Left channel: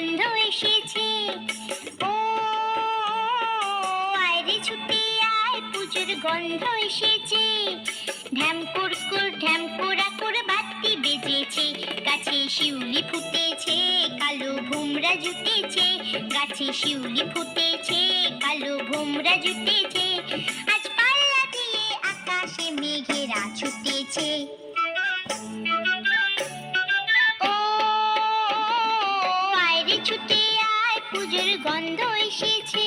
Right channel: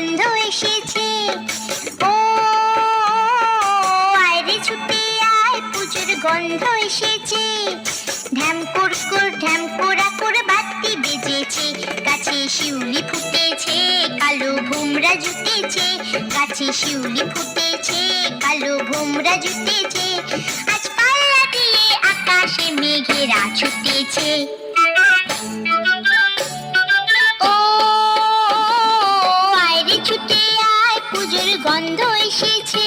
গন্ধ এসেছে। ও আয় রে ছুটে আয়, পুজোর গন্ধ এসেছে। ঢ্যামকুর আকুর বাতি বেজেছে, গাছে শিউলি ফুটেছে, কালো ভোমরা জুটেছে। গাছে শিউলি ফুটেছে, কালো ভোমরা জুটেছে। আজ পাল্লা দিয়ে আকাশে মেঘেরা ছুটেছে। ও আয় রে ছুটে আয়, পুজোর গন্ধ এসেছে।